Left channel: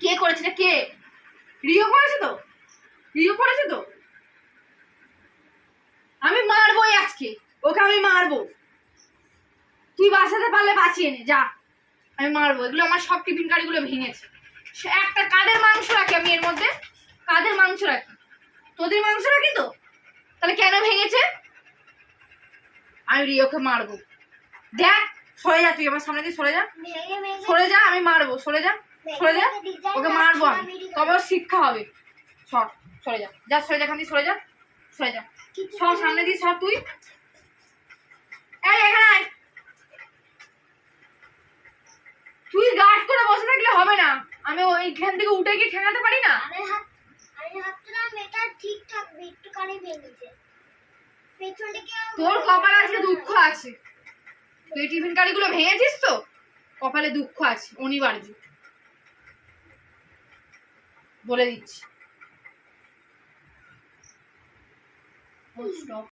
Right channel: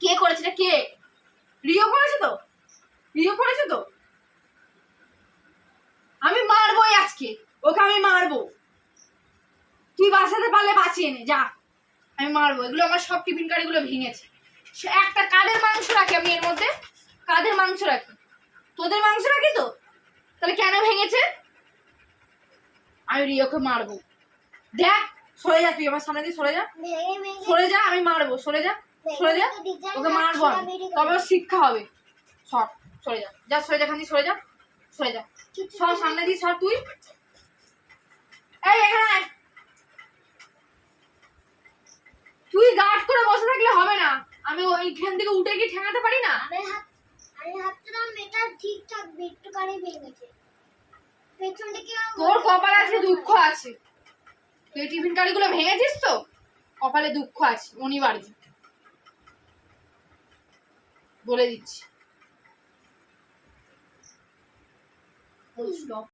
কে করেছে? কে? রিও করেছে তো? রিও করেছে তো? আমি মারবোই আজকে, ওকে আমি মারবো। তুই বাঁচাতে পারলে বাঁচিয়ে নে, যা। আমি মারবো। এগুলো আমার সব টিফিন কারিগুলো ভেঙেছে। একটা কাদের মাংস রাখি আমি এর মধ্যে? কাদের মাংস রাখি? তোদের মাংস রাখি তো? তাহলে কেন ভেঙেছে? আমি রিওকে মারবো। দেখ, সরে যা, তুই আমার সামনে দিয়ে সরে যা। সরে যা, আমি মারবো। সরে যা, সরে যা, ওকে মারবো আমি, তবে ওর শিক্ষা হবে। সর, সরে যা, যা সরে যা, এখান দিয়ে সরে যা, সরে যা, সর সামনে দিয়ে সর তুই। এই এখানে আয়। তুই গার্ড করে বসে থাকলে হবে না। আমি ওইখান থেকে উঠে গিয়ে ঠেকাতে পারি না? আমি ভাবছিলাম এটা ঠিক থাকবে, একটুখানি ভেঙেছে। পেছন থেকে তোর কপালে আছে দুঃখ আছে। তুই টিফিন কারিগুলো ভেঙেছিস তো, কপালে দুঃখ আছে, অনিবার্য। বলে দিচ্ছি।